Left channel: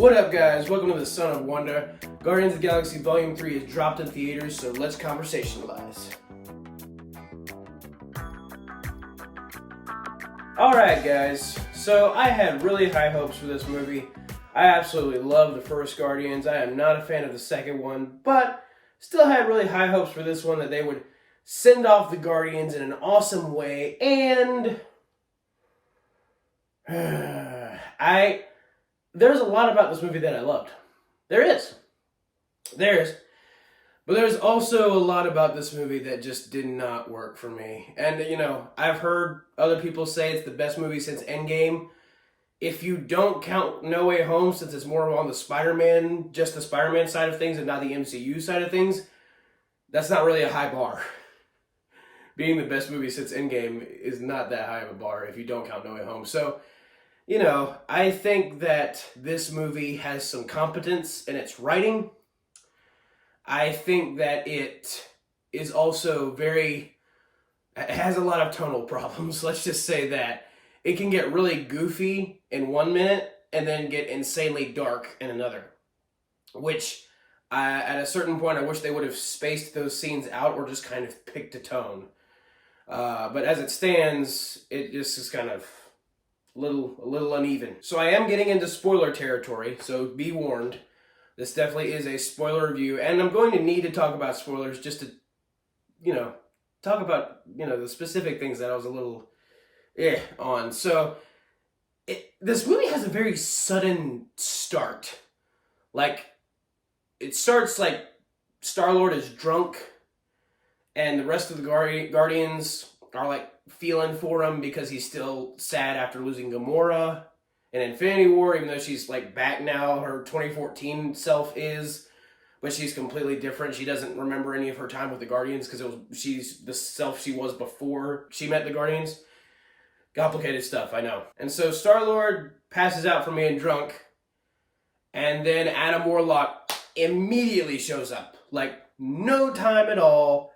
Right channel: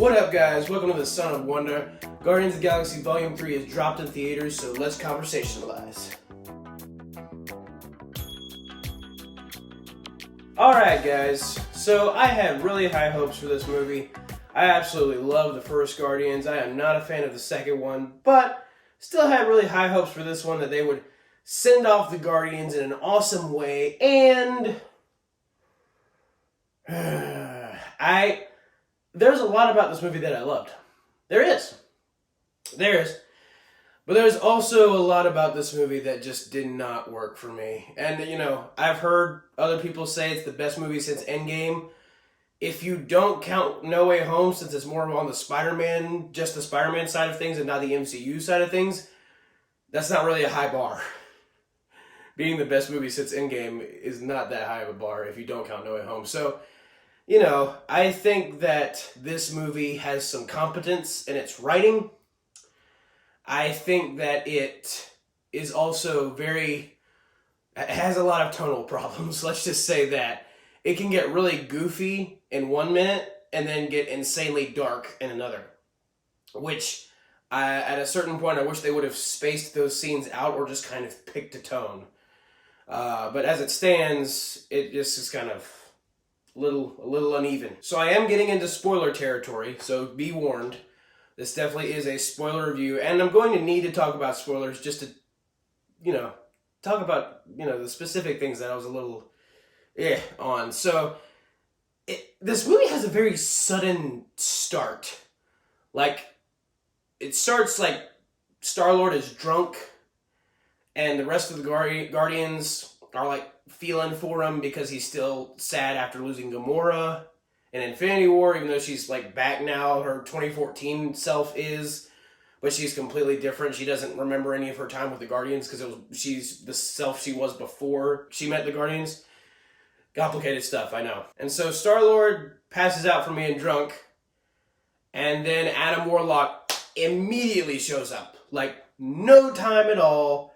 What up, guys? Welcome to the Son of Wonder. Guardians of the Galaxy Volume 3 is dropped in theaters, so let's conversationalize. Alright, guys. So I had really high hopes for this movie. I absolutely love the first Guardians. I am not a fan of the second one, but still had really high hopes for this one that they would send off the Guardians in an awesome way, and there's a lot about this movie that I loved. There is. But there's also a lot about this movie that just did not work for me. And, I've heard other people say it's the best movie since Endgame. If you don't count No Way Home, since it's more on the Spider-Man side of things and not the MCU side of things, that's not really a high bar. Being the best movie since Endgame is not that high of a bar if you don't count No Way Home. So, I think that this movie has some competence in its writing. I think that it is also it has a lot of tonal problems. Let's just say that. It can get really goofy in 1 minute and then get insanely dark in another. Which, at a certain point, I wish they would have spaced those scenes out or just kind of picked a tone. But as it stands, it just is kind of a little uneven. So I am getting into spoiler territory, so be warned. This definitely is a spoiler review, and I'm going to need to talk about spoilers just to, talk about, the specific things that I was a little on. So, this movie has a very sudden start. Like, it starts like Star-Lord is drunk, and the rest of the Guardians are like feeling for him because he's still sad after losing Gamora in Infinity War, even though she's like back now, her 2014 self is, but she's completely different. She doesn't remember any of her time with the Guardians because she's the self she was before she met the Guardians. Complicated stuff, I know. And so Star-Lord passes out from being drunk, and then Adam Warlock immediately shows up. Like, no time at all.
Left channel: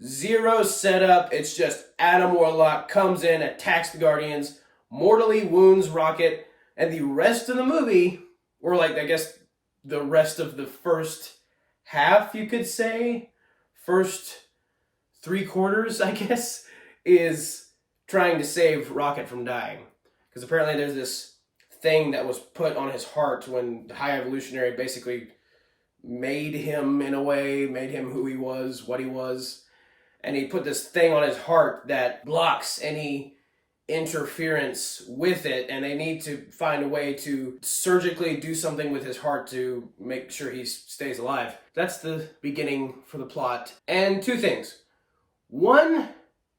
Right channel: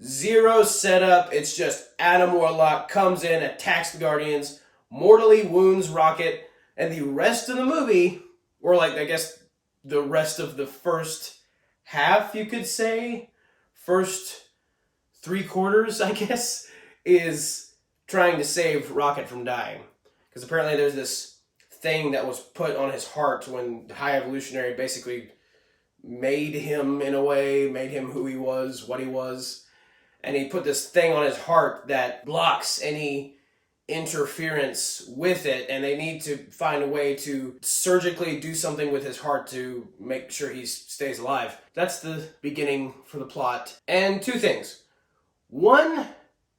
Zero setup. It's just Adam Warlock comes in, attacks the Guardians, mortally wounds Rocket, and the rest of the movie, or like, I guess, the rest of the first half, you could say, first 3/4, I guess, is trying to save Rocket from dying. Because apparently there's this thing that was put on his heart when the High Evolutionary basically made him, in a way, made him who he was, what he was. And he put this thing on his heart that blocks any interference with it, and they need to find a way to surgically do something with his heart to make sure he stays alive. That's the beginning for the plot. And two things. One,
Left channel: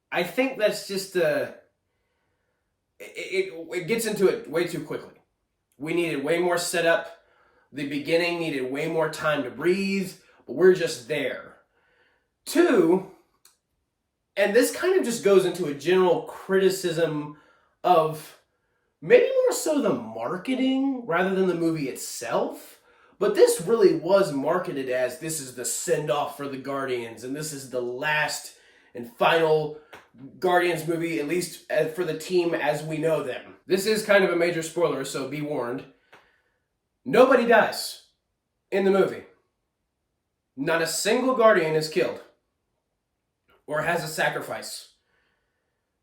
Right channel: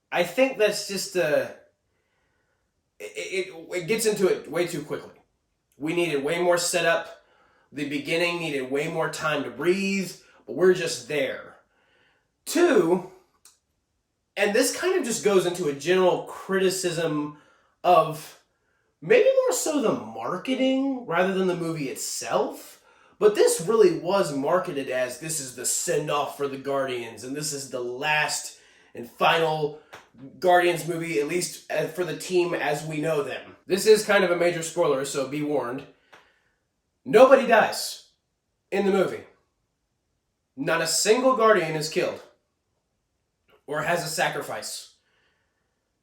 I think that's just it gets into it way too quickly. We needed way more setup. The beginning needed way more time to breathe, but we're just there. Two, and this kind of just goes into a general criticism of maybe more so the marketing rather than the movie itself. But this really was marketed as this is the send-off for the Guardians, and this is the last and final Guardians movie, at least for the team as we know them. This is kind of a major spoiler, so be warned. Nobody dies in the movie. Not a single Guardian is killed or has a sacrifice.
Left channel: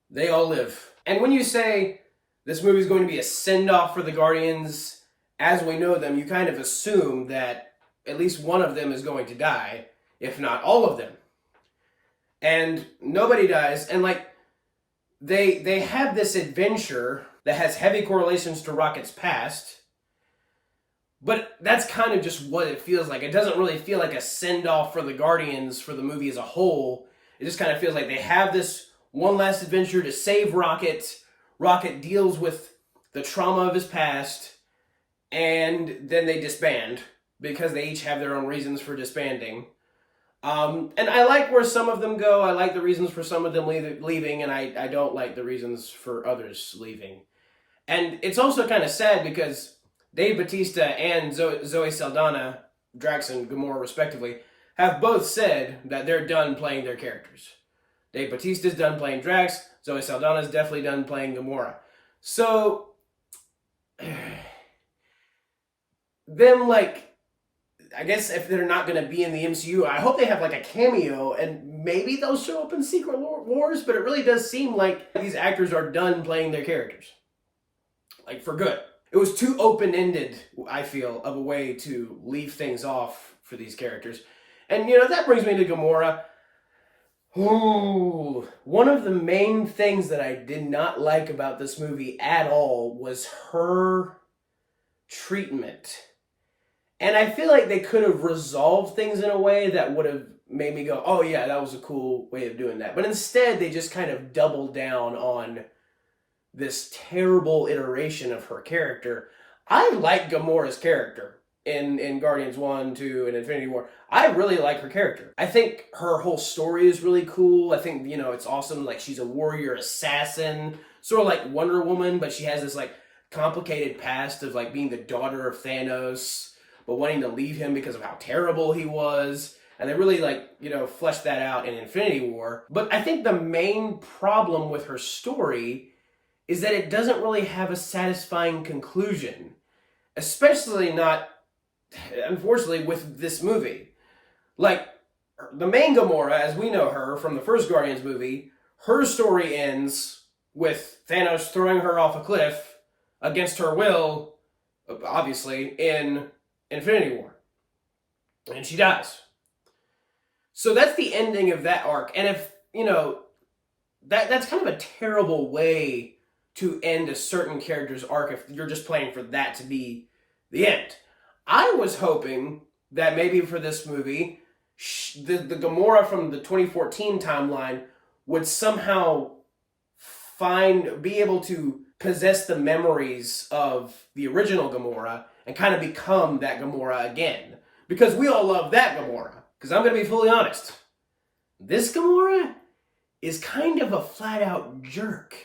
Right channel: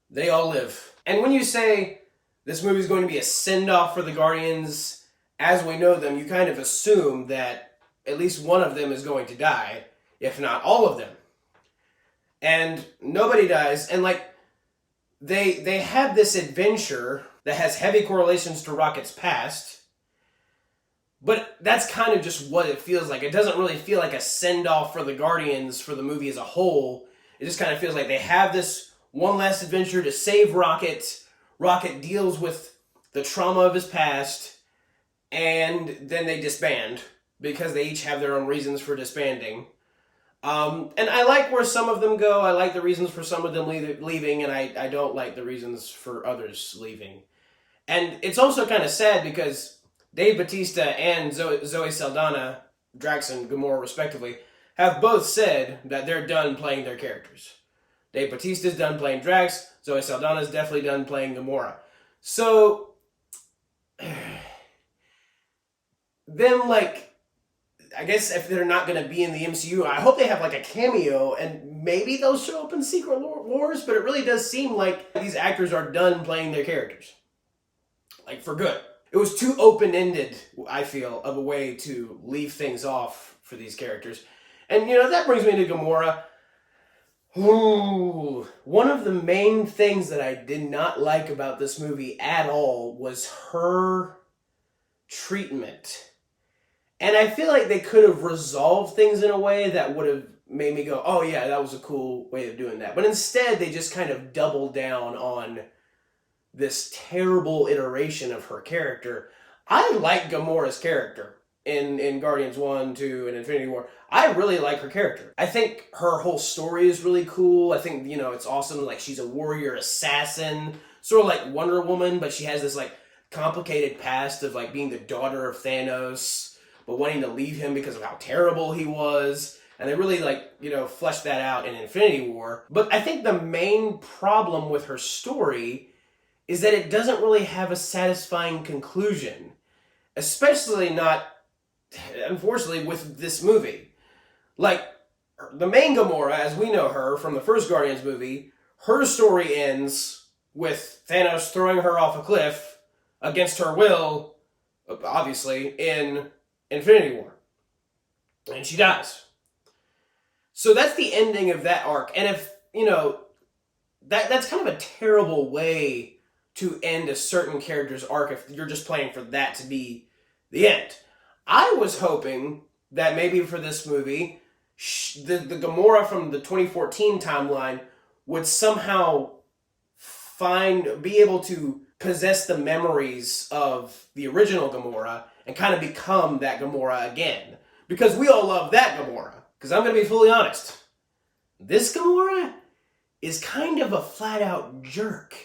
They all live. And when you say this movie is going to be a send-off for the Guardians as we know them, you kind of assume that at least one of them is going to die, if not all of them. And nobody dies, and like, they have this adventure that has heavy correlations to Rocket's past, but that's kind of just what it feels like. It doesn't really feel like a send-off for the Guardians for the movie as a whole. It just kind of feels like they have this one last adventure to save Rocket. Rocket deals with the trauma of his past, and then they disband because they each have their own reasons for disbanding. And I like where some of them go. I like the reasons for some of them leaving, and I don't like the reasons for others leaving. And it's also kind of sad because Dave Bautista and Zoe Saldana, Drax and Gamora respectively, have both said that they're done playing their characters. Dave Bautista's done playing Drax. Zoe Saldana's definitely done playing Gamora. So, them, like, I guess if they're not going to be in the MCU, I hope they have like a cameo and maybe they'll show up in Secret Wars, but it really does seem like these actors are done playing their characters. Like, for good. It was too open-ended, I feel, of a way to leave things off for these characters. And, that brings me to Gamora. Ooh, one of the main things that I did not like about this movie at all was her treatment. And I feel like they could have resolved things in a way that would have made me go, oh yeah, that was a cool way of doing that. But instead, they just kind of doubled down on this terrible iteration of her character. I like Gamora's character in Guardians 1, 2, and Infinity War. I really like her character. I think her whole story is really cool. I think, it's awesome. Like, she's a warrior assassin, sort of like Wonder Woman, but she has this, like, complicated past of, like, being the daughter of Thanos, but wanting to leave him because of how terrible he was. And they really, fleshed that out in Infinity War. But I think the main problem with her story is that it doesn't really have a satisfying conclusion. Especially not, unfortunately, with this movie. Like, the main Gamora, as we know her from the first Guardians movie, her story ends with Thanos throwing her off a cliff against her will, obviously, in Infinity War. And she dies. So that's the ending of that arc. And if, that's kind of a terrible way to end a certain character's arc if you're just playing for that to be the end. I was hoping that maybe for this movie, the Gamora from the 2014 timeline would somehow be able to possess the memories of the original Gamora and kind of become that Gamora again. Because we all love that Gamora. Because I'm going to be fully honest. This Gamora is kind of a flat-out jerk.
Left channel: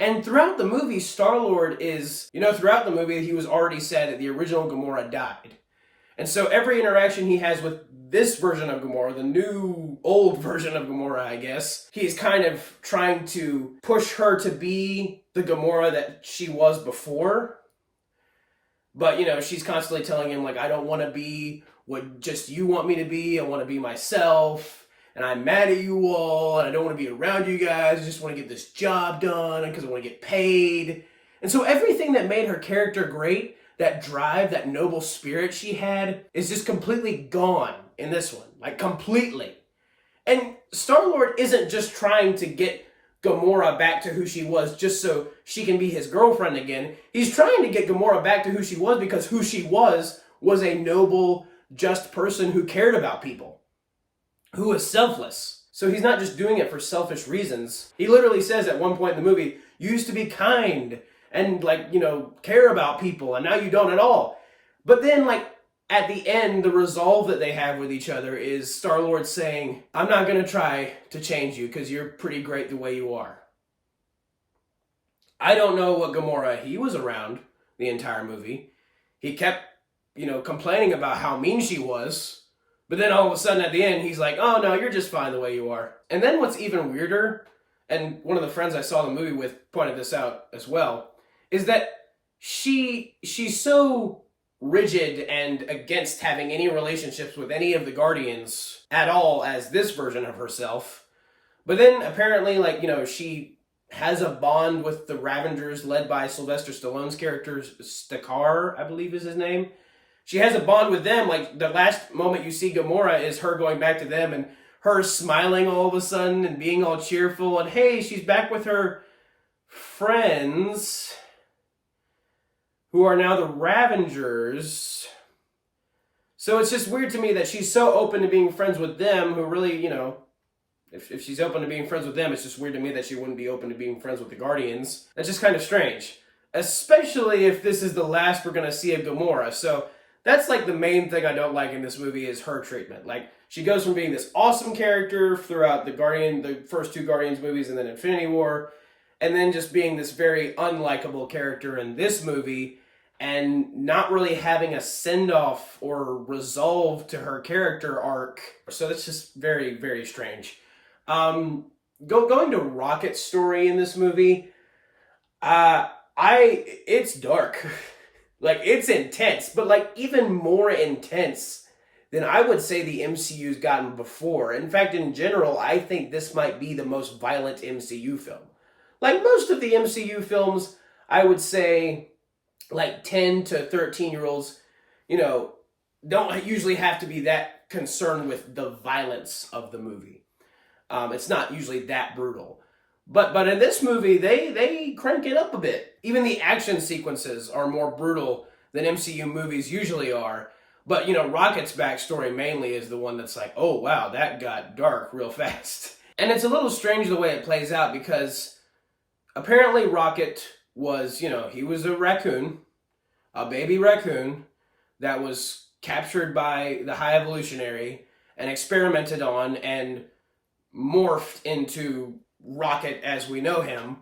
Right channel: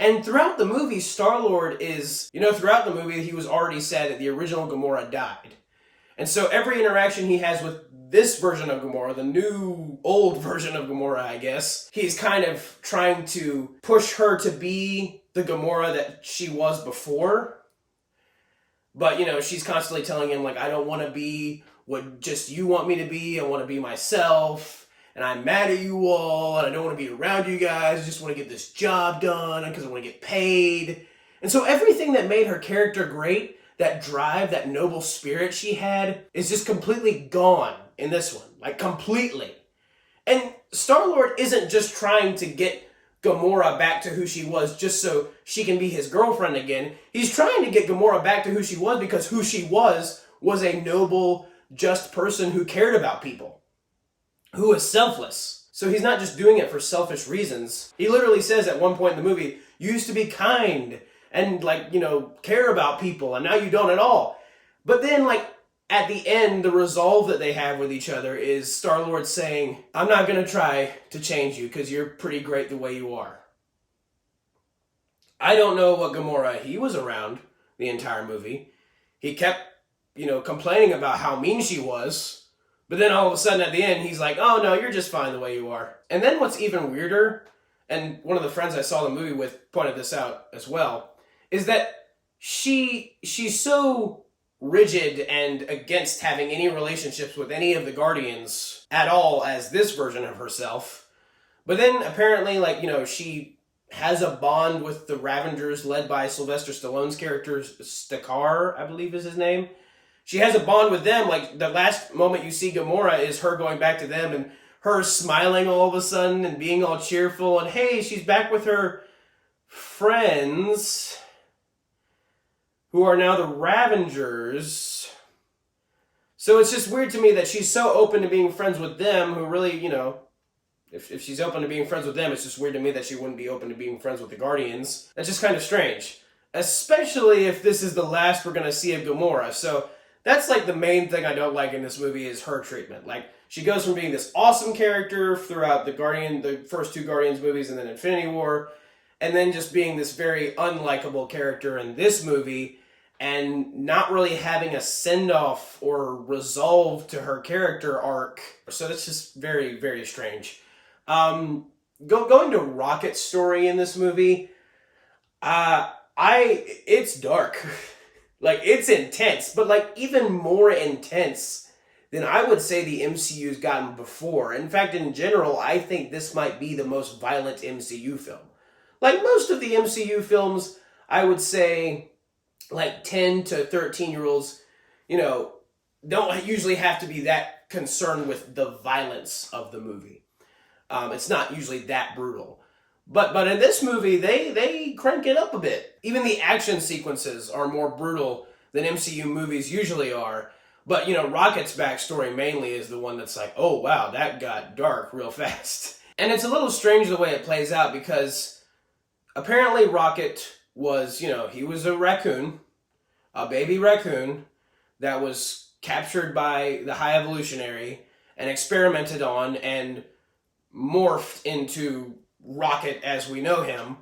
And throughout the movie, Star-Lord is, throughout the movie, he was already sad that the original Gamora died. And so every interaction he has with this version of Gamora, the new, old version of Gamora, I guess, he's kind of trying to push her to be the Gamora that she was before. But, she's constantly telling him, like, I don't want to be what just you want me to be. I want to be myself. And I'm mad at you all, and I don't want to be around you guys. I just want to get this job done because I want to get paid. And so everything that made her character great, that drive, that noble spirit she had, is just completely gone in this one. Like, completely. And Star-Lord isn't just trying to get Gamora back to who she was just so she can be his girlfriend again. He's trying to get Gamora back to who she was because who she was a noble, just person who cared about people. Who was selfless. So he's not just doing it for selfish reasons. He literally says at one point in the movie, you used to be kind and care about people and now you don't at all. But then at the end, the resolve that they have with each other is Star-Lord saying, I'm not going to try to change you because you're pretty great the way you are. I don't know what Gamora he was around the entire movie. He kept, complaining about how mean she was. But then all of a sudden at the end, he's like, oh no, you're just fine the way you are. And then what's even weirder, and one of the friends I saw the movie with pointed this out as well, is that she's so rigid and against having any relationships with any of the Guardians at all as this version of herself. But then apparently, she has a bond with the Ravengers led by Sylvester Stallone's character, Stakar, I believe is his name. She has a bond with them. Like, the last moment you see Gamora is her going back to them and her smiling all of a sudden and being all cheerful. And hey, she's back with her friends who are now the Ravengers. So it's just weird to me that she's so open to being friends with them who really, if she's open to being friends with them, it's just weird to me that she wouldn't be open to being friends with the Guardians. That's just kind of strange. Especially if this is the last we're going to see of Gamora. So that's the main thing I don't like in this movie is her treatment. She goes from being this awesome character throughout the first two Guardians movies and then Infinity War, and then just being this very unlikable character in this movie and not really having a send-off or resolve to her character arc. So that's just very, very strange. Going to Rocket's story in this movie, it's dark. Like, it's intense, but like even more intense than I would say the MCU's gotten before. In fact, in general, I think this might be the most violent MCU film. Like most of the MCU films, I would say like 10 to 13-year-olds, you know, don't usually have to be that concerned with the violence of the movie. It's not usually that brutal. But in this movie, they crank it up a bit. Even the action sequences are more brutal than MCU movies usually are. But, you know, Rocket's backstory mainly is the one that's like, oh, wow, that got dark real fast. And it's a little strange the way it plays out because apparently Rocket was, you know, he was a raccoon, a baby raccoon that was captured by the High Evolutionary and experimented on and morphed into Rocket as we know him.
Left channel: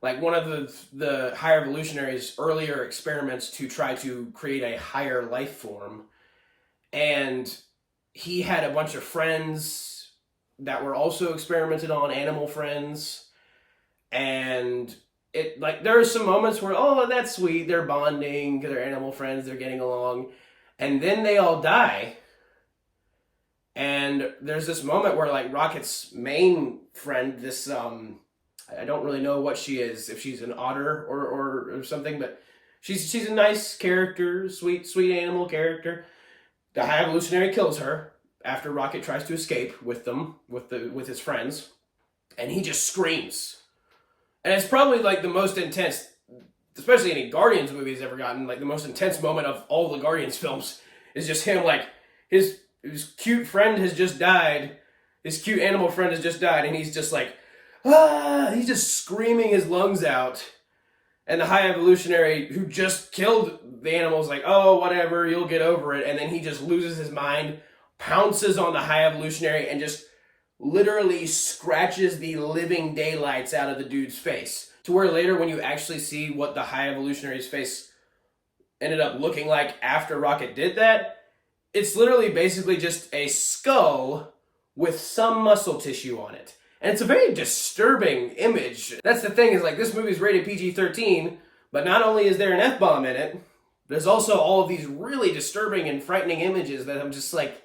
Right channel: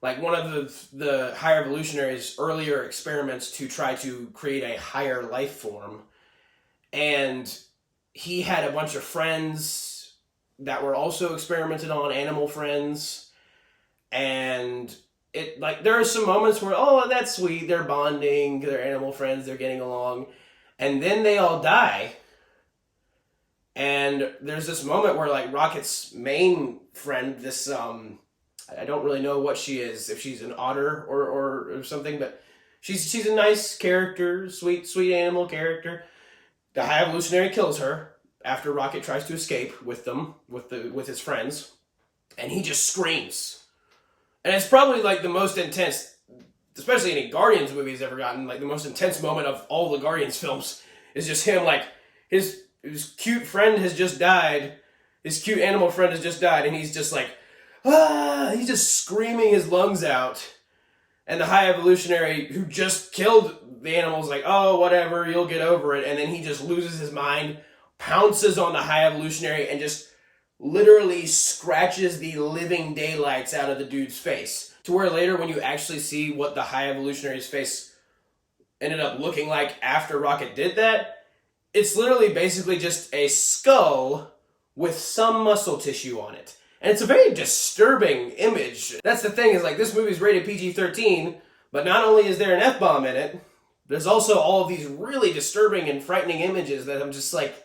Like one of the High Evolutionary's earlier experiments to try to create a higher life form. And he had a bunch of friends that were also experimented on, animal friends. And it, like, there are some moments where, oh, that's sweet, they're bonding, they're animal friends, they're getting along. And then they all die. And there's this moment where, like, Rocket's main friend, this, I don't really know what she is, if she's an otter or something, but she's a nice character, sweet animal character. The High Evolutionary kills her after Rocket tries to escape with them, with his friends, and he just screams. And it's probably like the most intense, especially any Guardians movie he's ever gotten, like the most intense moment of all the Guardians films is just him, like, his cute friend has just died, his cute animal friend has just died, and he's just like, ah, he's just screaming his lungs out. And the High Evolutionary who just killed the animal's like, oh, whatever, you'll get over it. And then he just loses his mind, pounces on the High Evolutionary, and just literally scratches the living daylights out of the dude's face. To where later, when you actually see what the High Evolutionary's face ended up looking like after Rocket did that, it's literally basically just a skull with some muscle tissue on it. And it's a very disturbing image. That's the thing, is like, this movie's rated PG-13, but not only is there an F-bomb in it, there's also all of these really disturbing and frightening images that I'm just like,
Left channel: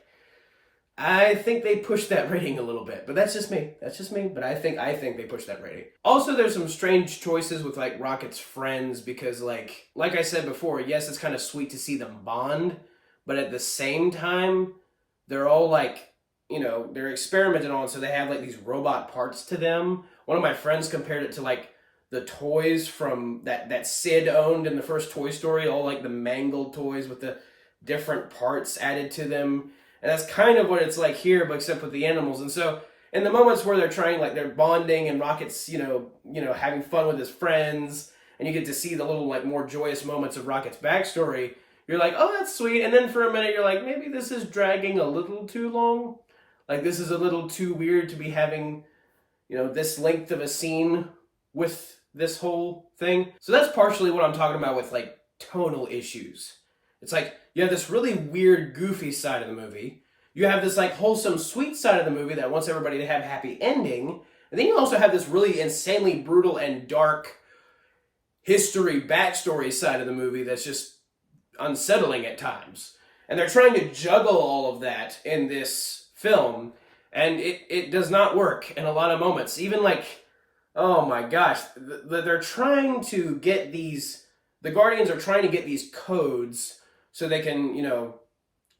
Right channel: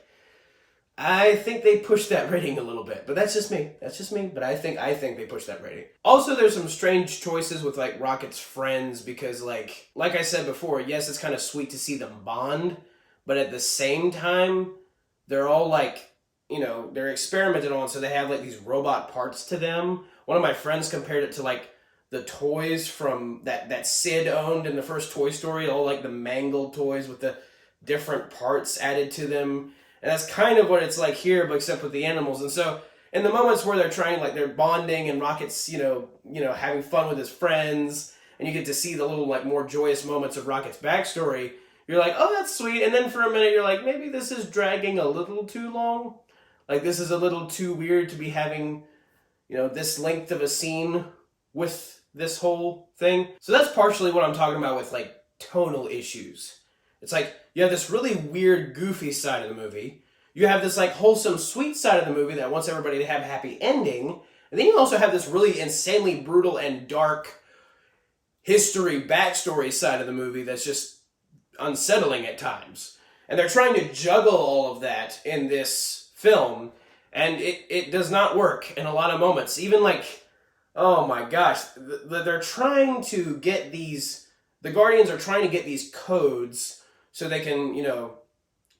I think they pushed that rating a little bit. But that's just me, but I think they pushed that rating. Also, there's some strange choices with, like, Rocket's friends, because like I said before, yes, it's kind of sweet to see them bond, but at the same time, they're all like, you know, they're experimented on, so they have like these robot parts to them. One of my friends compared it to like the toys from that Sid owned in the first Toy Story, all like the mangled toys with the different parts added to them. And that's kind of what it's like here, but except with the animals. And so in the moments where they're trying, like, they're bonding and Rocket's, you know, having fun with his friends, and you get to see the little, like, more joyous moments of Rocket's backstory, you're like, oh, that's sweet. And then for a minute, you're like, maybe this is dragging a little too long. Like, this is a little too weird to be having, you know, this length of a scene with this whole thing. So that's partially what I'm talking about with, like, tonal issues. It's like, you have this really weird, goofy side of the movie. You have this, like, wholesome, sweet side of the movie that wants everybody to have a happy ending. And then you also have this really insanely brutal and dark history, backstory side of the movie that's just unsettling at times. And they're trying to juggle all of that in this film, and it does not work in a lot of moments. Even, like, oh my gosh, they're trying to get these, the Guardians are trying to get these codes so they can, you know,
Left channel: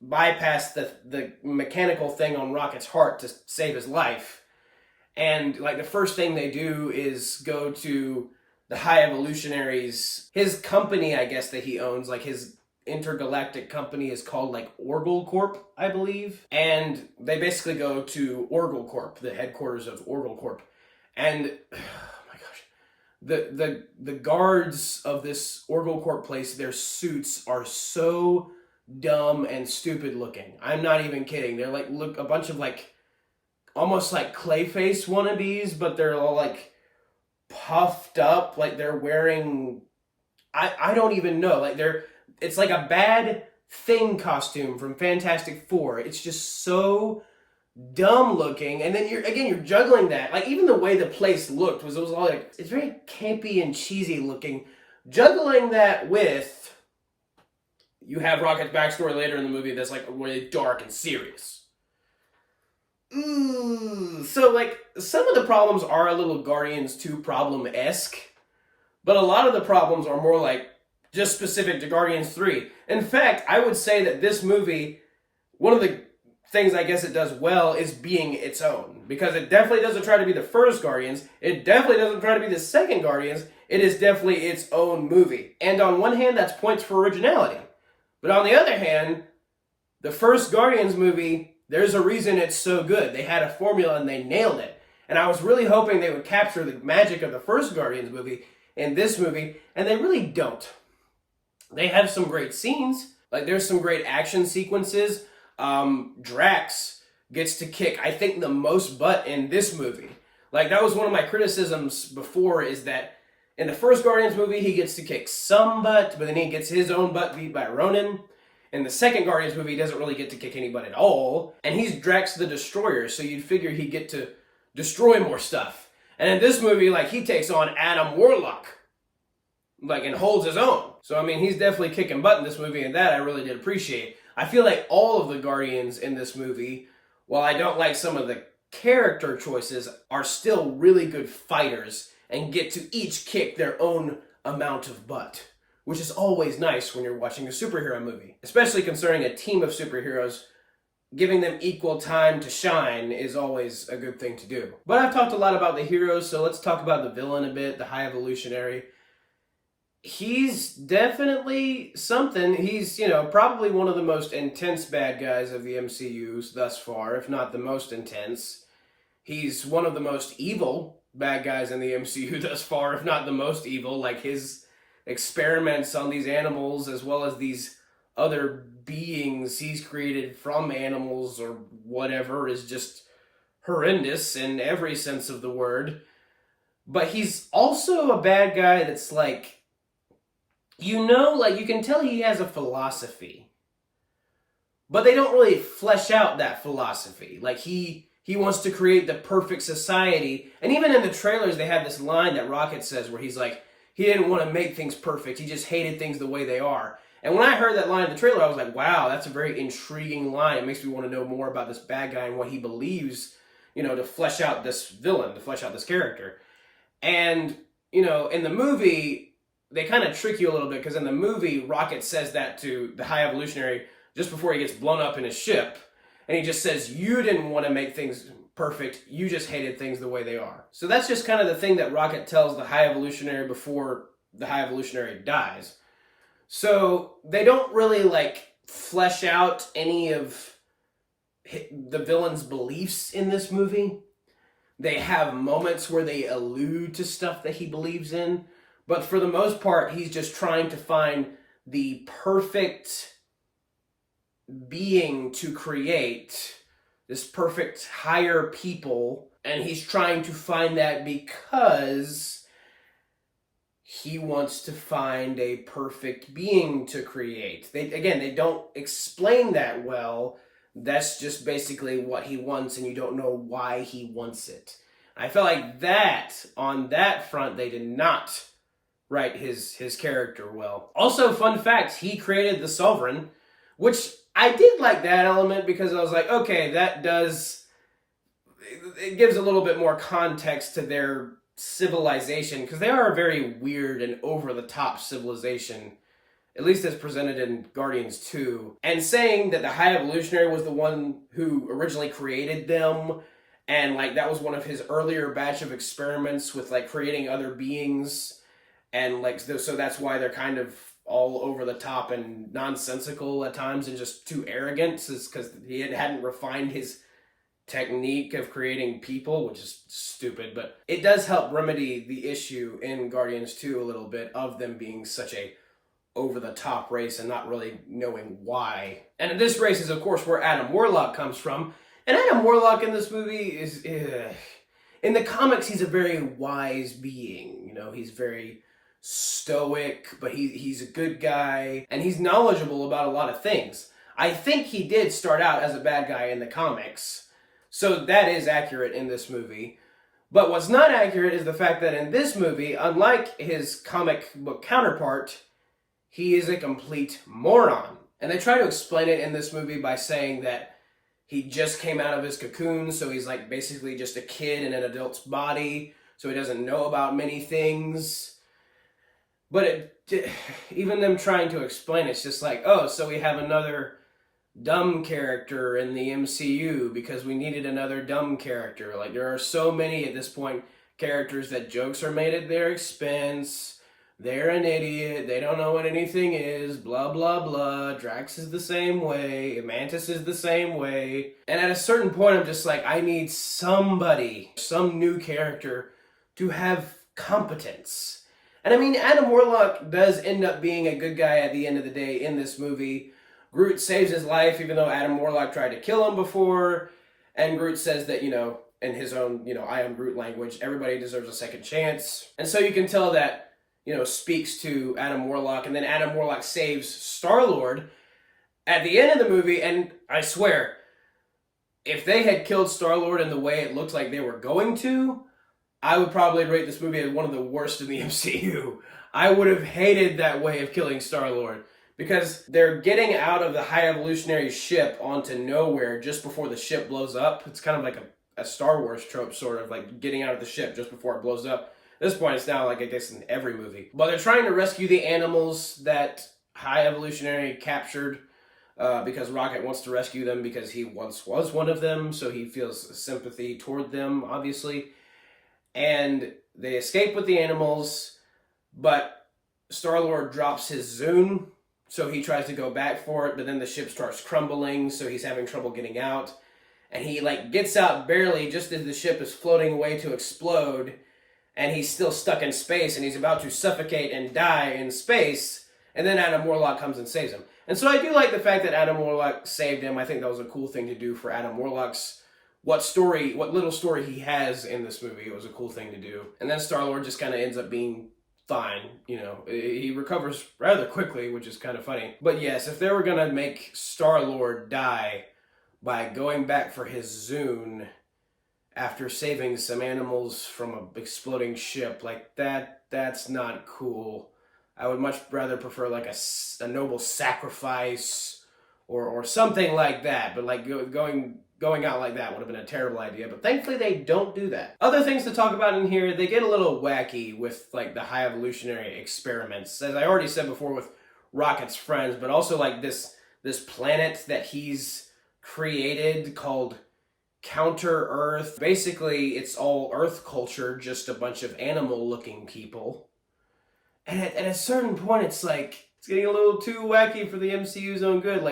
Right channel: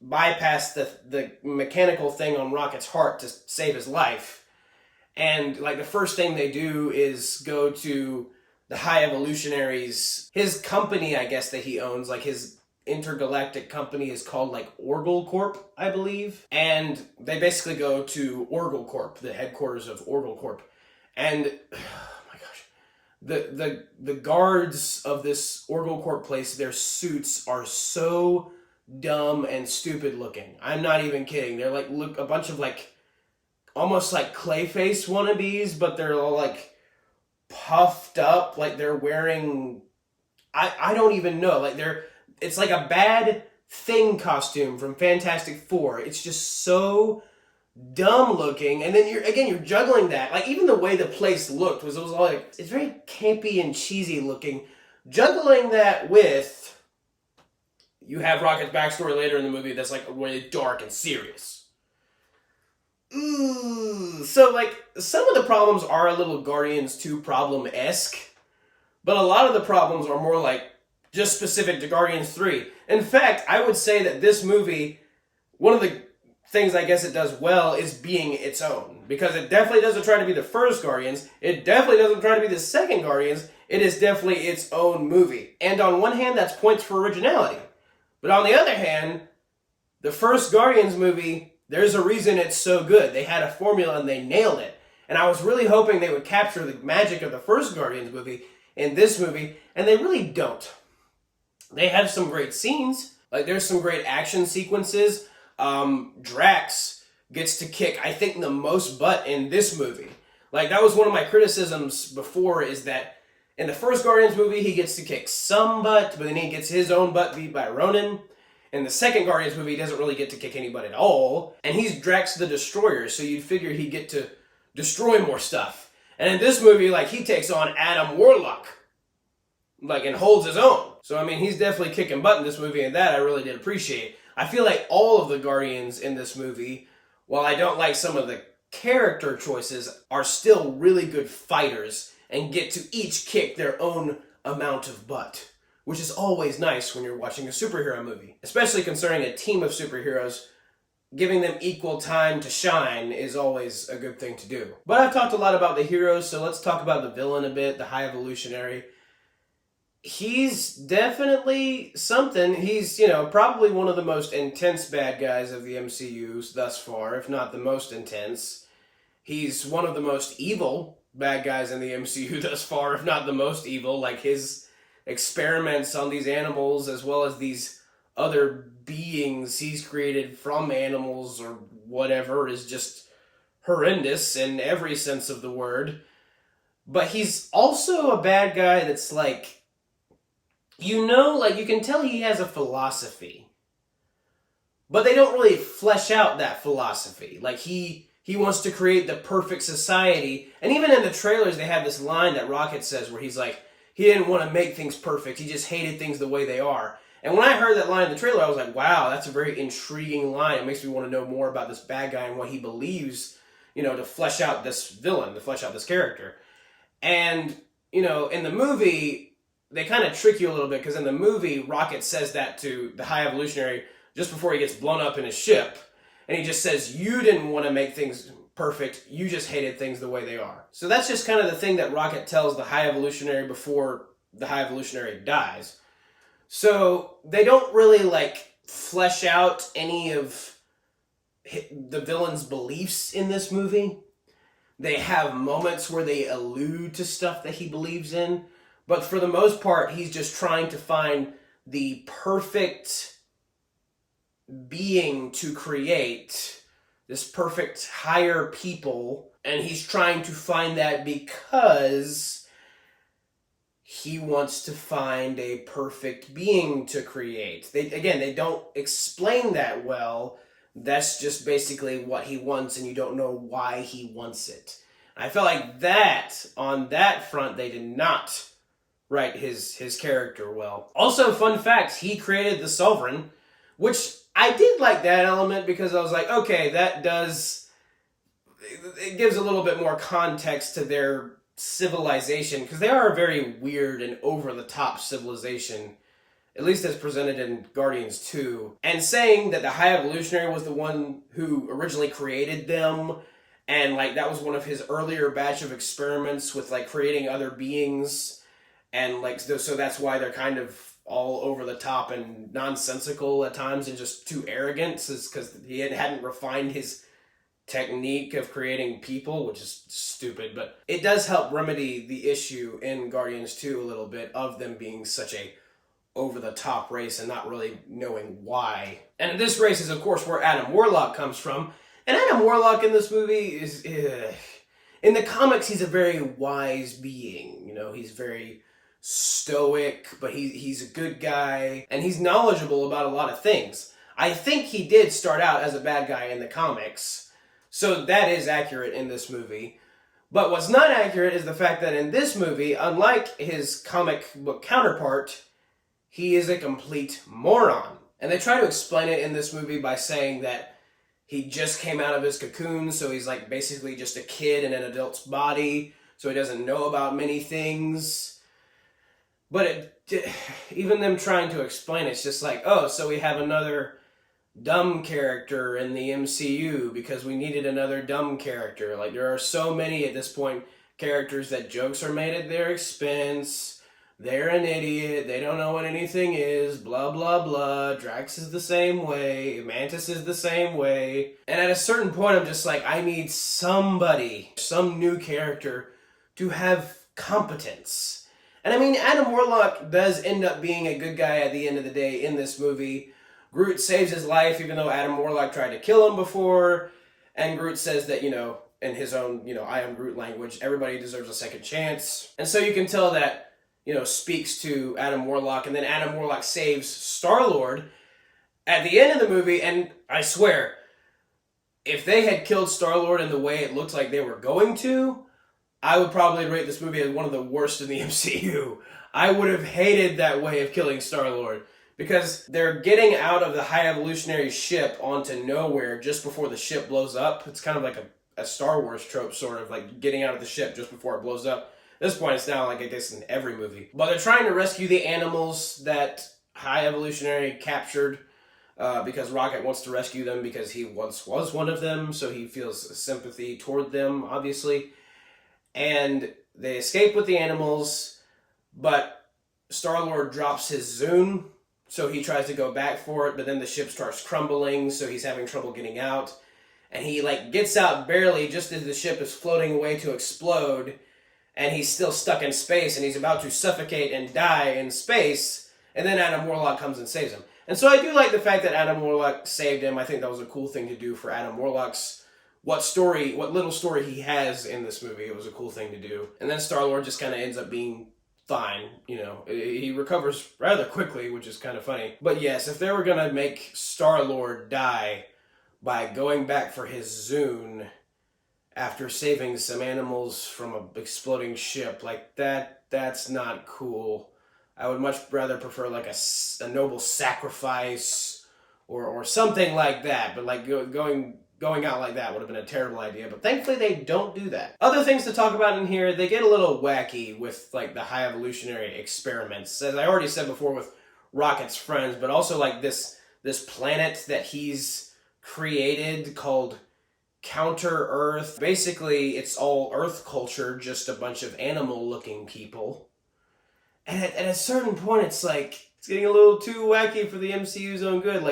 bypass the mechanical thing on Rocket's heart to save his life. And, like, the first thing they do is go to the High Evolutionaries, his company, I guess, that he owns, like, his intergalactic company is called, like, Orgel Corp, I believe. And they basically go to Orgel Corp, the headquarters of Orgel Corp. And, oh my gosh, the guards of this Orgel Corp place, their suits are so dumb and stupid looking. I'm not even kidding. They're like, look, a bunch of, like, almost like Clayface wannabes, but they're all like puffed up, like they're wearing, I don't even know, like it's like a bad Thing costume from Fantastic Four. It's just so dumb looking, and then you're juggling that, like, even the way the place looked was all like, it's very campy and cheesy looking, juggling that with you have Rocket's backstory later in the movie that's like really dark and serious. Ooh, so like some of the problems are a little Guardians 2 problem-esque, but a lot of the problems are more like just specific to Guardians 3. In fact, I would say that this movie, one of the things I guess it does well is being its own, because it definitely doesn't try to be the first Guardians, it definitely doesn't try to be the second Guardians, it is definitely its own movie. And on one hand, that's points for originality. But on the other hand, the first Guardians movie, there's a reason it's so good. They had a formula and they nailed it. And I was really hoping they would capture the magic of the first Guardians movie in this movie, and they really don't. They have some great scenes. Like, there's some great action sequences. Drax gets to kick, I think, the most butt in this movie. Like, that was one of my criticisms before, is that in the first Guardians movie, he gets to kick some butt, but then he gets his own butt beat by Ronan. In the second Guardians movie, he doesn't really get to kick any butt at all. And he's Drax the Destroyer, so you'd figure he'd get to destroy more stuff. And in this movie, like, he takes on Adam Warlock, like, and holds his own. So, I mean, he's definitely kicking butt in this movie, and that I really did appreciate. I feel like all of the Guardians in this movie, while I don't like some of the character choices, are still really good fighters and get to each kick their own amount of butt, which is always nice when you're watching a superhero movie. Especially concerning a team of superheroes, giving them equal time to shine is always a good thing to do. But I've talked a lot about the heroes, so let's talk about the villain a bit, the High Evolutionary. He's definitely something. He's, probably one of the most intense bad guys of the MCU thus far, if not the most intense. He's one of the most evil bad guys in the MCU thus far, if not the most evil. Like, his experiments on these animals, as well as these other beings he's created from animals or whatever, is just horrendous in every sense of the word. But he's also a bad guy that's like, you can tell he has a philosophy, but they don't really flesh out that philosophy. Like, he wants to create the perfect society. And even in the trailers, they have this line that Rocket says where he's like, he didn't want to make things perfect. He just hated things the way they are. And when I heard that line in the trailer, I was like, wow, that's a very intriguing line. It makes me want to know more about this bad guy and what he believes, to flesh out this villain, to flesh out this character. And, in the movie, they kind of trick you a little bit, because in the movie, Rocket says that to the High Evolutionary just before he gets blown up in his ship. And he just says, you didn't want to make things perfect, you just hated things the way they are. So that's just kind of the thing that Rocket tells the High Evolutionary before the High Evolutionary dies. So they don't really, flesh out any of the villain's beliefs in this movie. They have moments where they allude to stuff that he believes in, but for the most part, he's just trying to find the perfect being to create, this perfect higher people, and he's trying to find that because he wants to find a perfect being to create. They don't explain that well. That's just basically what he wants, and you don't know why he wants it. I felt like that, on that front, they did not write his character well. Also, fun fact, he created the Sovereign, which I did like that element, because I was like, okay, it gives a little bit more context to their civilization, because they are a very weird and over-the-top civilization, at least as presented in Guardians 2. And saying that the High Evolutionary was the one who originally created them, and that was one of his earlier batch of experiments with creating other beings, and so that's why they're kind of all over the top and nonsensical at times and just too arrogant, is because he hadn't refined his technique of creating people, which is stupid. But it does help remedy the issue in Guardians 2 a little bit of them being such a over-the-top race and not really knowing why. And this race is, of course, where Adam Warlock comes from. And Adam Warlock in this movie is... in the comics, he's a very wise being. He's very stoic, but he's a good guy, and he's knowledgeable about a lot of things. I think he did start out as a bad guy in the comics, so that is accurate in this movie. But what's not accurate is the fact that in this movie, unlike his comic book counterpart, he is a complete moron. And they try to explain it in this movie by saying that he just came out of his cocoon, so he's like basically just a kid in an adult's body, so he doesn't know about many things. But even them trying to explain it's just like, oh, so we have another dumb character in the MCU because we needed another dumb character. Like, there are so many at this point characters that jokes are made at their expense. They're an idiot. They don't know what anything is. Blah, blah, blah. Drax is the same way. Mantis is the same way. And at a certain point, I'm just like, I need somebody, some new character to have competence. And I mean, Adam Warlock does end up being a good guy at the end of the day in this movie. Groot saves his life, even though Adam Warlock tried to kill him before. And Groot says that, in his own, I am Groot language, everybody deserves a second chance. And so you can tell that, speaks to Adam Warlock. And then Adam Warlock saves Star-Lord at the end of the movie. And I swear, if they had killed Star-Lord in the way it looked like they were going to, I would probably rate this movie as one of the worst in the MCU. I would have hated that way of killing Star-Lord. Because they're getting out of the High Evolutionary ship onto nowhere just before the ship blows up. It's kind of like a Star Wars trope, sort of, like getting out of the ship just before it blows up. At this point, it's now like I guess in every movie. But they're trying to rescue the animals that High Evolutionary captured because Rocket wants to rescue them because he once was one of them, so he feels sympathy toward them, obviously. And they escape with the animals, but Star-Lord drops his Zune, so he tries to go back for it, but then the ship starts crumbling, so he's having trouble getting out. And he gets out barely just as the ship is floating away to explode, and he's still stuck in space, and he's about to suffocate and die in space, and then Adam Warlock comes and saves him. And so I do like the fact that Adam Warlock saved him. I think that was a cool thing to do for Adam Warlock's what little story he has in this movie. It was a cool thing to do. And then Star-Lord just kind of ends up being fine, he recovers rather quickly, which is kind of funny. But yes, if they were gonna make Star-Lord die by going back for his Zune after saving some animals from an exploding ship, that's not cool. I would much rather prefer like a noble sacrifice or something like that, but going out like that would have been a terrible idea, but thankfully they don't do that. Other things to talk about in here, they get a little wacky with the High Evolutionary experiments, as I already said before with Rocket's friends, but also this planet that he's created called Counter Earth. Basically, it's all Earth culture, just a bunch of animal-looking people. And at a certain point, it's getting a little too wacky for the MCU's own good.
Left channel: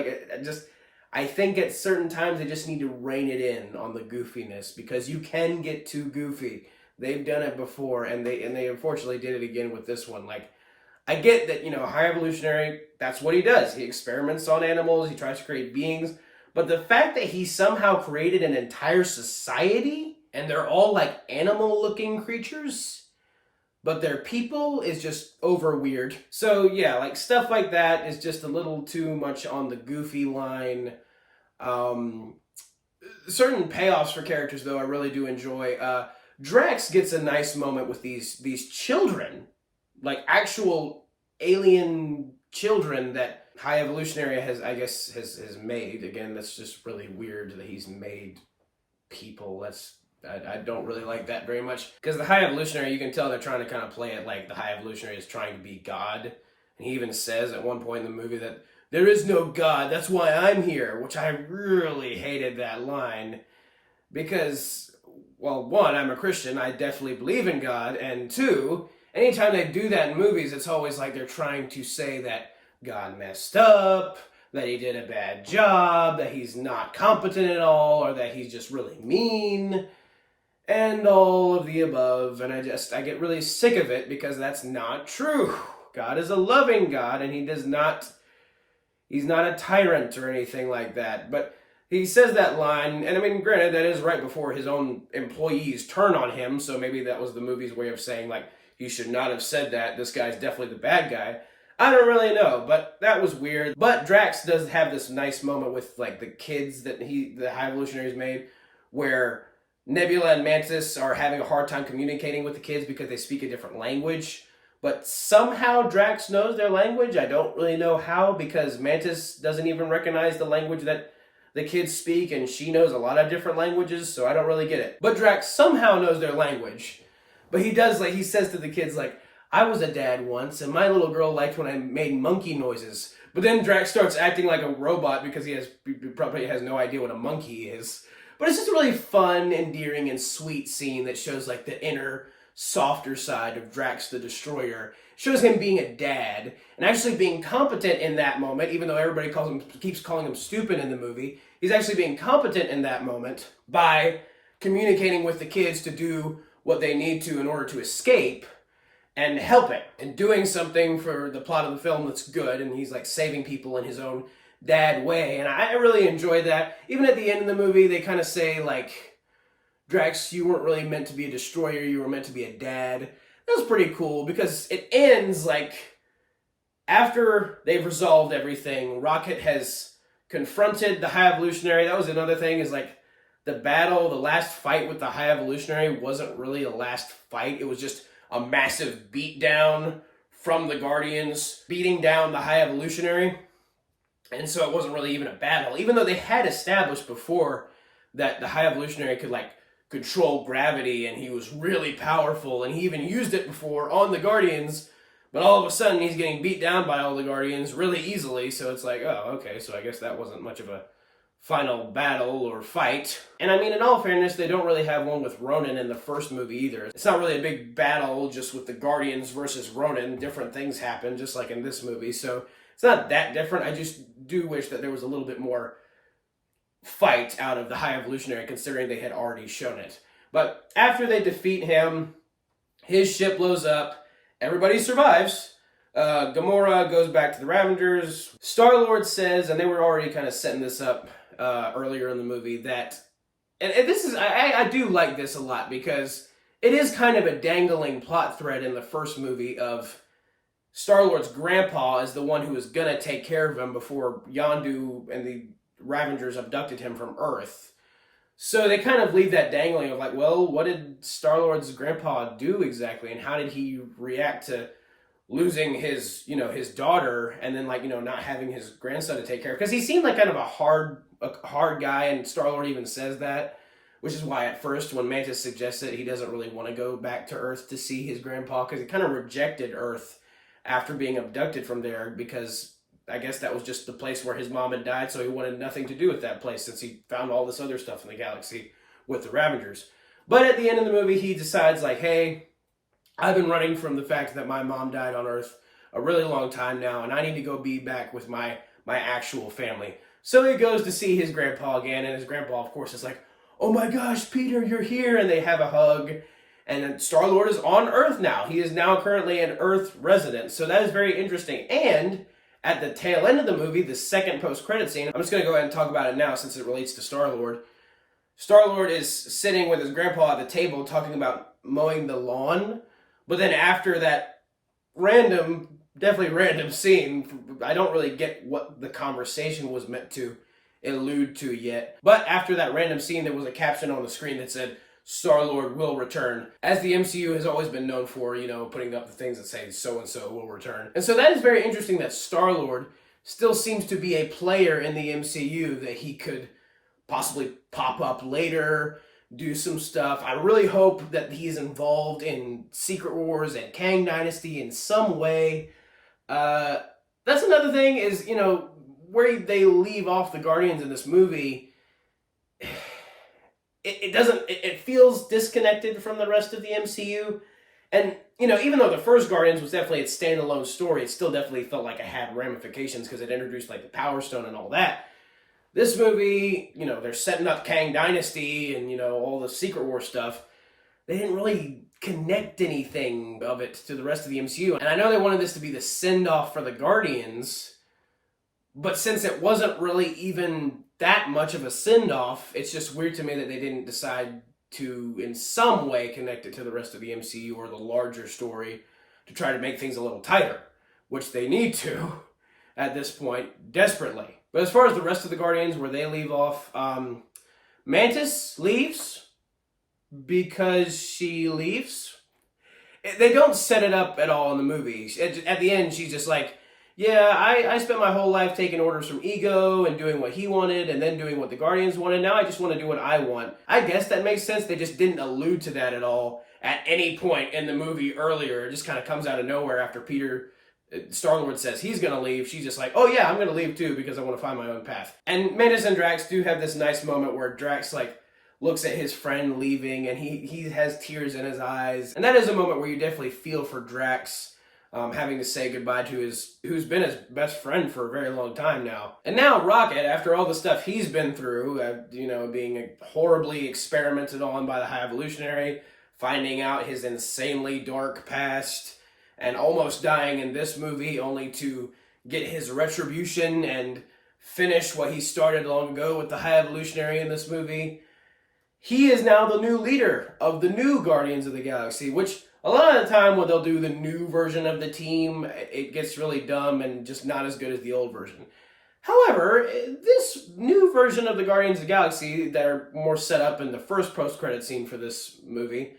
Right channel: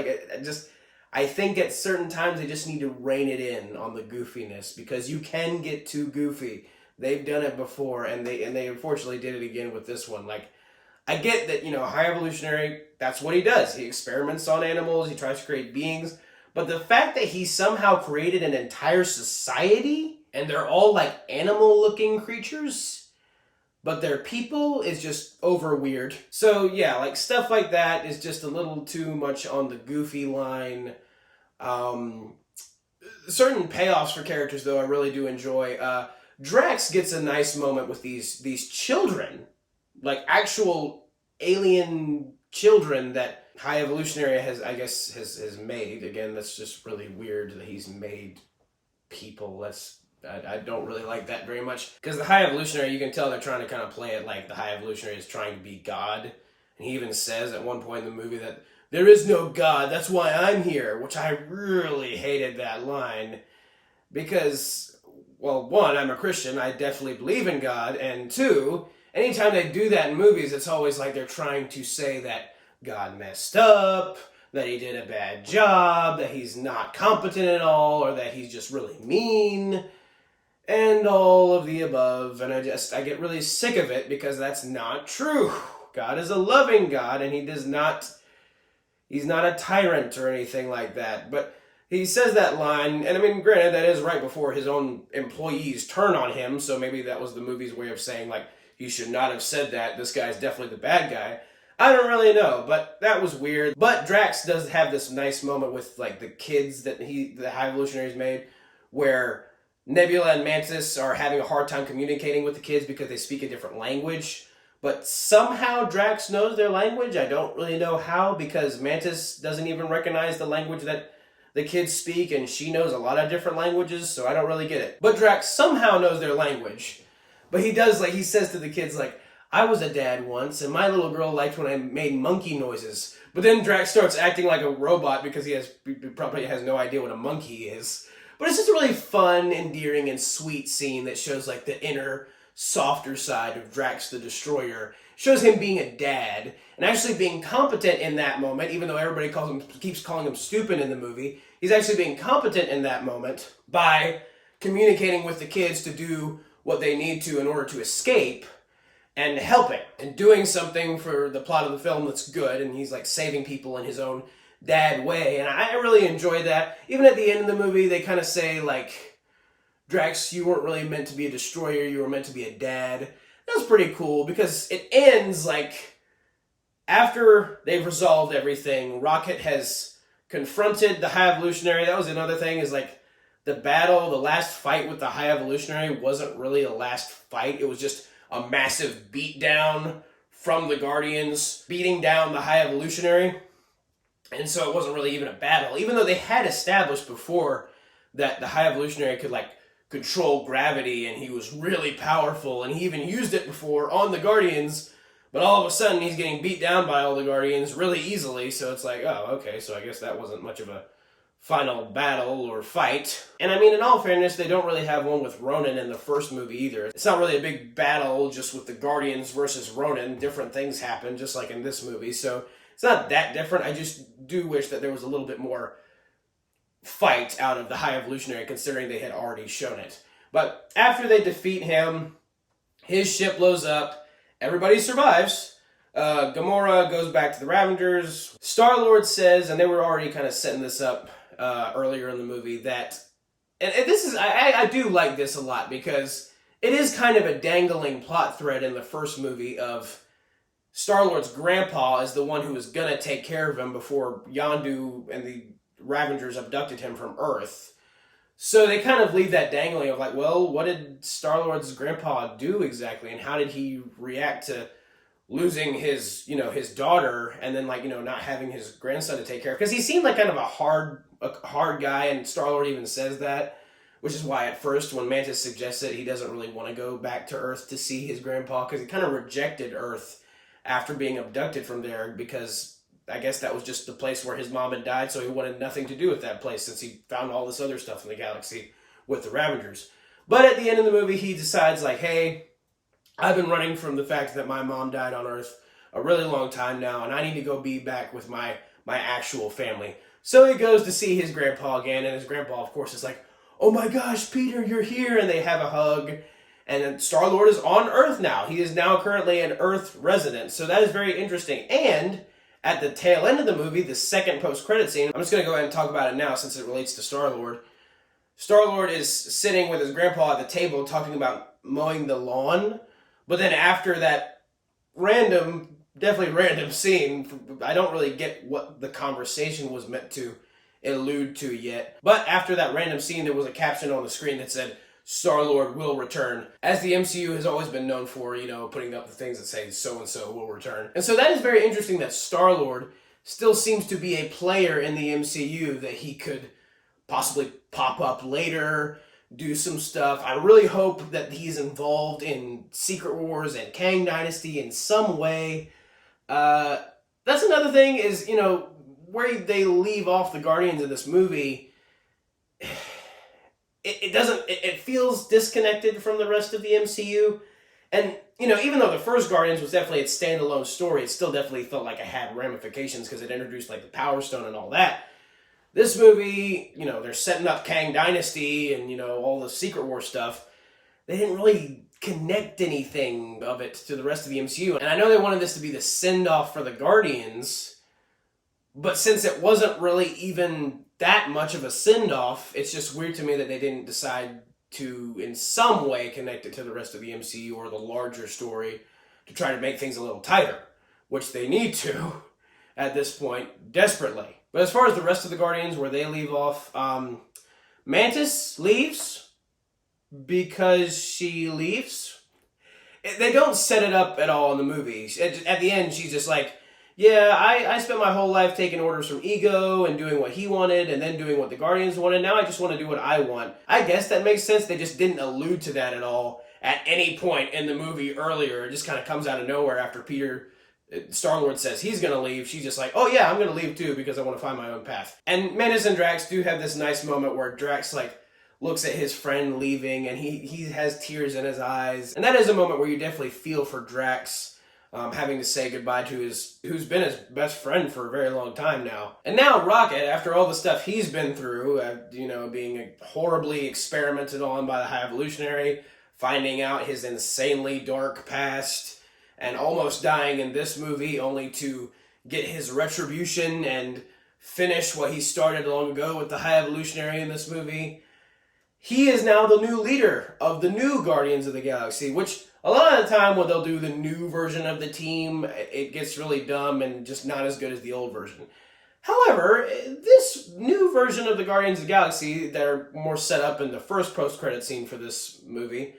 I think at certain times they just need to rein it in on the goofiness, because you can get too goofy. They've done it before, and they unfortunately did it again with this one. I get that, High Evolutionary, that's what he does. He experiments on animals, he tries to create beings, but the fact that he somehow created an entire society, and they're all animal-looking creatures, but they're people, is just over weird. So yeah, stuff like that is just a little too much on the goofy line. Certain payoffs for characters, though, I really do enjoy. Drax gets a nice moment with these children, actual alien children that High Evolutionary has made. Again, that's just really weird that he's made people. I don't really like that very much, because the High Evolutionary, you can tell they're trying to kind of play it like the High Evolutionary is trying to be God. And he even says at one point in the movie that there is no God, that's why I'm here, which I really hated that line, because, well, one, I'm a Christian, I definitely believe in God, and two, anytime they do that in movies, it's always like they're trying to say that God messed up, that he did a bad job, that he's not competent at all, or that he's just really mean, and all of the above. And I get really sick of it, because that's not true. God is a loving God, and he's not a tyrant or anything like that. But he says that line, and I mean, granted, that is right before his own employees turn on him, so maybe that was the movie's way of saying, he should not have said that, this guy's definitely the bad guy. I don't really know, but that was weird. But Drax does have this nice moment with the kids that the High Evolutionaries made, where Nebula and Mantis are having a hard time communicating with the kids because they speak a different language. but somehow Drax knows their language. I don't really know how, because Mantis doesn't even recognize the language that the kids speak, and she knows a lot of different languages, so I don't really get it. But Drax somehow knows their language. But he does, like, he says to the kids, like, I was a dad once, and my little girl liked when I made monkey noises. But then Drax starts acting like a robot because he probably has no idea what a monkey is. But it's just a really fun, endearing, and sweet scene that shows, like, the inner, softer side of Drax the Destroyer. Shows him being a dad and actually being competent in that moment, even though everybody keeps calling him stupid in the movie. He's actually being competent in that moment by communicating with the kids to do what they need to in order to escape, and helping and doing something for the plot of the film that's good. And he's like saving people in his own dad way, and I really enjoy that. Even at the end of the movie, they kind of say, like, Drax, you weren't really meant to be a destroyer, you were meant to be a dad. That was pretty cool, because it ends, like, after they've resolved everything. Rocket has confronted the High Evolutionary. That was another thing, is, like, the last fight with the High Evolutionary wasn't really a last fight. It was just a massive beatdown from the Guardians, beating down the High Evolutionary. And so it wasn't really even a battle, even though they had established before that the High Evolutionary could, like, control gravity, and he was really powerful, and he even used it before on the Guardians, but all of a sudden he's getting beat down by all the Guardians really easily, so it's like, oh, okay, so I guess that wasn't much of a final battle or fight. And I mean, in all fairness, they don't really have one with Ronan in the first movie either. It's not really a big battle just with the Guardians versus Ronan. Different things happen, just like in this movie, so it's not that different. I just do wish that there was a little bit more fight out of the High Evolutionary, considering they had already shown it. But after they defeat him, his ship blows up, everybody survives. Gamora goes back to the Ravengers. Star-Lord says, and they were already kind of setting this up earlier in the movie, that, and this is, I do like this a lot, because it is kind of a dangling plot thread in the first movie of Star-Lord's grandpa is the one who was gonna take care of him before Yondu and the Ravengers abducted him from Earth. So they kind of leave that dangling of, like, well, what did Star-Lord's grandpa do exactly, and how did he react to losing his, his daughter, and then, like, not having his grandson to take care of? Because he seemed like kind of a hard guy, and Star-Lord even says that, which is why at first when Mantis suggests it, he doesn't really want to go back to Earth to see his grandpa, because he kind of rejected Earth after being abducted from there, because I guess that was just the place where his mom had died, so he wanted nothing to do with that place since he found all this other stuff in the galaxy with the Ravengers. But at the end of the movie, he decides, like, hey, I've been running from the fact that my mom died on Earth a really long time now, and I need to go be back with my actual family. So he goes to see his grandpa again, and his grandpa, of course, is like, oh my gosh, Peter, you're here, and they have a hug. And then Star-Lord is on Earth now. He is now currently an Earth resident, so that is very interesting. And at the tail end of the movie, the second post-credit scene, I'm just going to go ahead and talk about it now since it relates to Star-Lord. Star-Lord is sitting with his grandpa at the table talking about mowing the lawn. But then after that definitely random scene, I don't really get what the conversation was meant to allude to yet. But after that random scene, there was a caption on the screen that said, Star-Lord will return, as the MCU has always been known for, putting up the things that say so-and-so will return. And so that is very interesting that Star-Lord still seems to be a player in the MCU, that he could possibly pop up later, do some stuff. I really hope that he's involved in Secret Wars and Kang Dynasty in some way. That's another thing is, where they leave off the Guardians in this movie, it feels disconnected from the rest of the MCU. And, even though the first Guardians was definitely a standalone story, it still definitely felt like it had ramifications because it introduced, like, the Power Stone and all that. This movie, they're setting up Kang Dynasty and, all the Secret War stuff. They didn't really connect anything of it to the rest of the MCU. And I know they wanted this to be the send-off for the Guardians, but since it wasn't really even that much of a send-off, it's just weird to me that they didn't decide to, in some way, connect it to the rest of the MCU or the larger story to try to make things a little tighter, which they need to at this point, desperately. But as far as the rest of the Guardians, where they leave off, Mantis leaves because she leaves. They don't set it up at all in the movie. At the end, she's just like, yeah, I spent my whole life taking orders from Ego and doing what he wanted and then doing what the Guardians wanted. Now I just want to do what I want. I guess that makes sense. They just didn't allude to that at all at any point in the movie earlier. It just kind of comes out of nowhere after Star-Lord says he's going to leave. She's just like, oh yeah, I'm going to leave too because I want to find my own path. And Mantis and Drax do have this nice moment where Drax like looks at his friend leaving and he has tears in his eyes. And that is a moment where you definitely feel for Drax having to say goodbye to who's been his best friend for a very long time now. And now Rocket, after all the stuff he's been through, being horribly experimented on by the High Evolutionary, finding out his insanely dark past, and almost dying in this movie only to get his retribution and finish what he started long ago with the High Evolutionary in this movie. He is now the new leader of the new Guardians of the Galaxy, which a lot of the time when they'll do the new version of the team, it gets really dumb and just not as good as the old version. However, this new version of the Guardians of the Galaxy that are more set up in the first post-credit scene for this movie,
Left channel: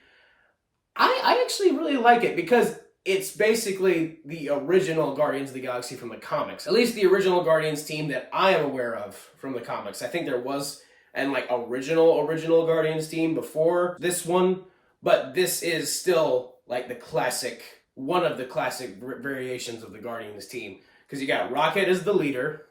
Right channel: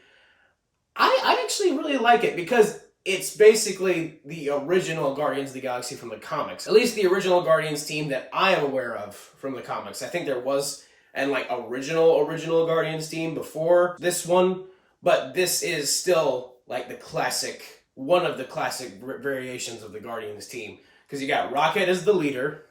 I actually really like it because it's basically the original Guardians of the Galaxy from the comics. At least the original Guardians team that I am aware of from the comics. I think there was an original Guardians team before this one, but this is still like one of the classic variations of the Guardians team. Because you got Rocket as the leader.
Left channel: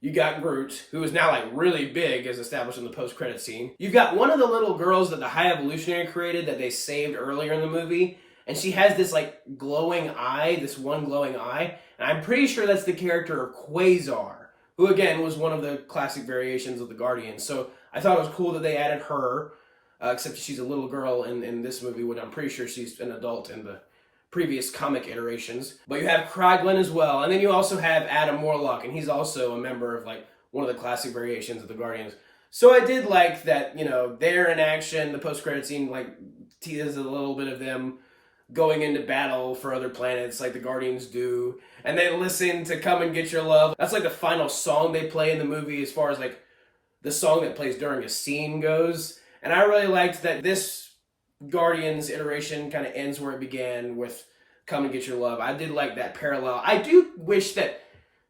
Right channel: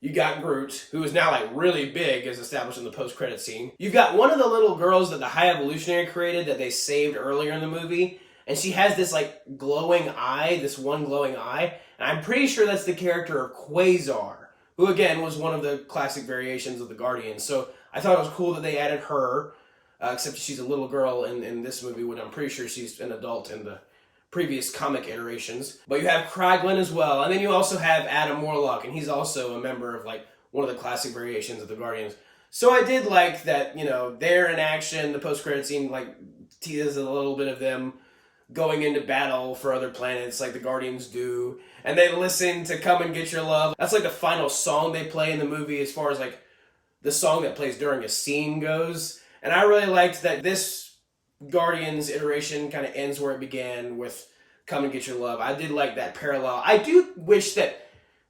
You got Groot, who is now like really big as established in the post-credit scene. You've got one of the little girls that the High Evolutionary created that they saved earlier in the movie. And she has this like glowing eye, this one glowing eye. And I'm pretty sure that's the character of Quasar, who again was one of the classic variations of the Guardians. So I thought it was cool that they added her. Except she's a little girl in this movie, when I'm pretty sure she's an adult in the previous comic iterations. But you have Kraglin as well, and then you also have Adam Warlock, and he's also a member of like one of the classic variations of the Guardians. So I did like that, they're in action. The post-credit scene like teases a little bit of them going into battle for other planets like the Guardians do, and they listen to Come and Get Your Love. That's like the final song they play in the movie as far as like the song that plays during a scene goes. And I really liked that this Guardians iteration kind of ends where it began with Come and Get Your Love. I did like that parallel. I do wish that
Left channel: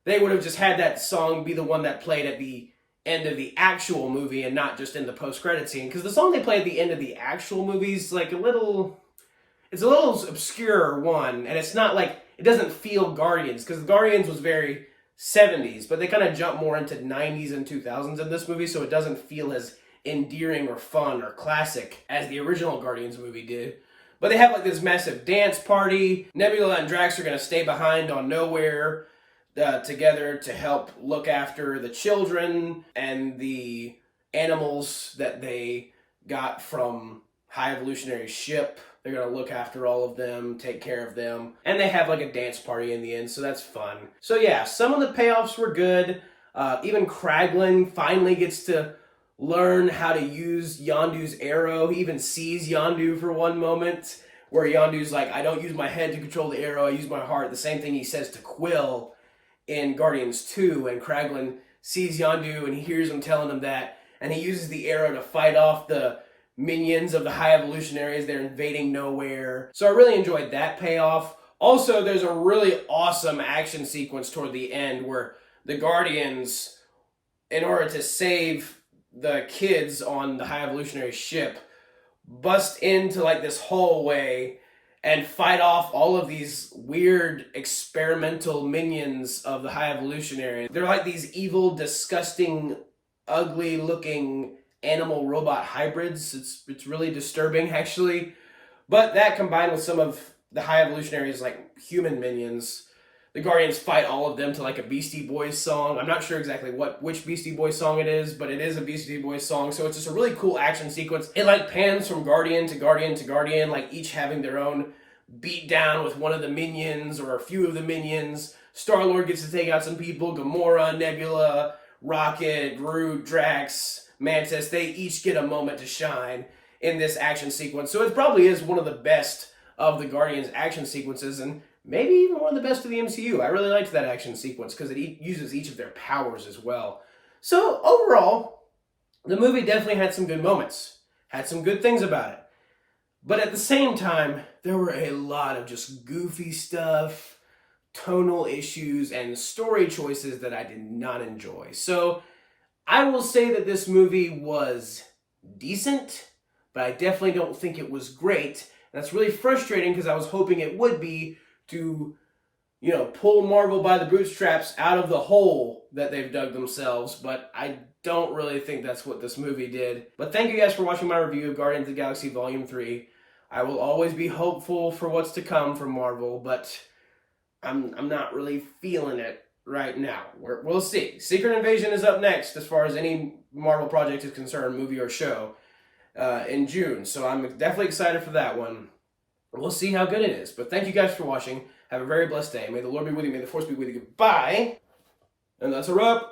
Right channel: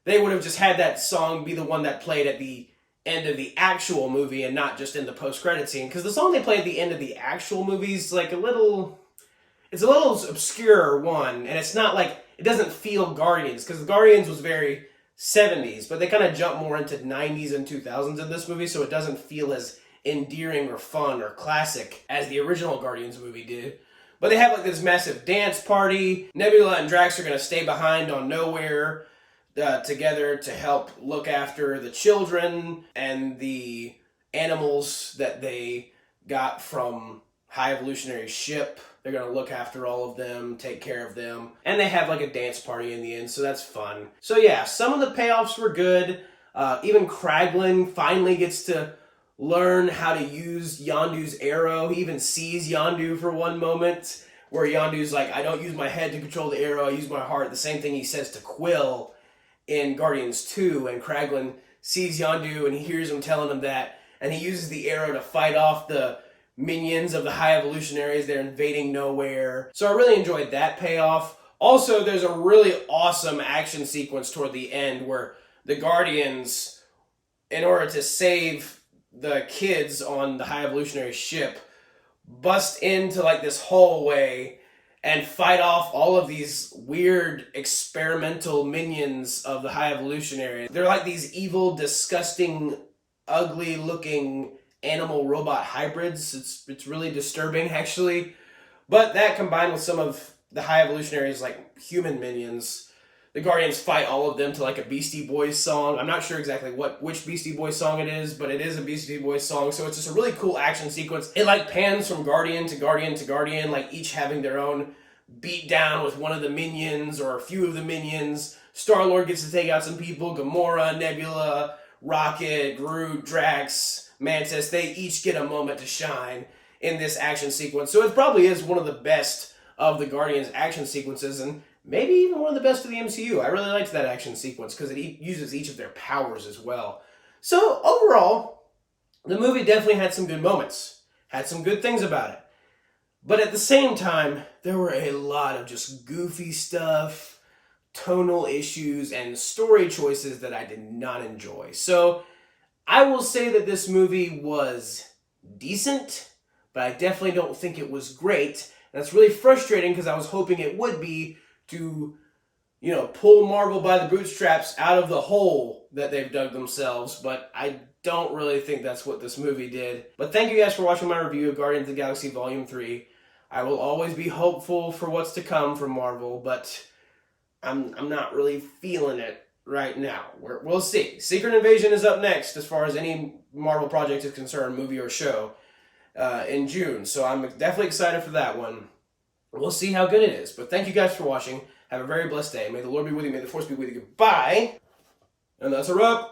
they would have just had that song be the one that played at the end of the actual movie and not just in the post-credit scene. Because the song they play at the end of the actual movie is like it's a little obscure one. And it's not like, it doesn't feel Guardians. Because the Guardians was very 70s. But they kind of jump more into 90s and 2000s in this movie. So it doesn't feel as endearing or fun or classic as the original Guardians movie did. But they have like this massive dance party. Nebula and Drax are going to stay behind on Nowhere together to help look after the children and the animals that they got from High Evolutionary's ship. They're going to look after all of them, take care of them. And they have like a dance party in the end, so that's fun. So yeah, some of the payoffs were good. Even Kraglin finally gets to learn how to use Yondu's arrow. He even sees Yondu for one moment, where Yondu's like, I don't use my head to control the arrow, I use my heart. The same thing he says to Quill in Guardians 2, and Kraglin sees Yondu and he hears him telling him that, and he uses the arrow to fight off the minions of the High Evolutionaries. They're invading Nowhere. So I really enjoyed that payoff. Also, there's a really awesome action sequence toward the end where the Guardians, in order to save the kids on the High Evolutionary ship, bust into like this hallway and fight off all of these weird experimental minions of the High Evolutionary. They're like these evil, disgusting, ugly looking animal robot hybrids. It's really disturbing actually. But that combined with some of the High Evolutionary's like human minions, the Guardians fight all of them to like a Beastie Boys song. I'm not sure exactly which Beastie Boys song it is, but it is a Beastie Boys song. So it's just a really cool action sequence. It like pans from Guardian to Guardian to Guardian, like each having their own beat down with one of the minions or a few of the minions. Star-Lord gets to take out some people. Gamora, Nebula, Rocket, Groot, Drax, Mantis, they each get a moment to shine in this action sequence. So it probably is one of the best of the Guardians action sequences, and maybe even one of the best of the MCU. I really liked that action sequence because it uses each of their powers as well. So overall, the movie definitely had some good moments. Had some good things about it. But at the same time, there were a lot of just goofy stuff, tonal issues, and story choices that I did not enjoy. So I will say that this movie was decent, but I definitely don't think it was great. That's really frustrating because I was hoping it would be to, pull Marvel by the bootstraps out of the hole that they've dug themselves, but I don't really think that's what this movie did. But thank you guys for watching my review of Guardians of the Galaxy Volume 3. I will always be hopeful for what's to come from Marvel, but I'm not really feeling it right now. We'll see. Secret Invasion is up next as far as any Marvel project is concerned, movie or show, in June. So I'm definitely excited for that one. We'll see how good it is. But thank you guys for watching. Have a very blessed day. May the Lord be with you. May the Force be with you. Goodbye. And that's a wrap.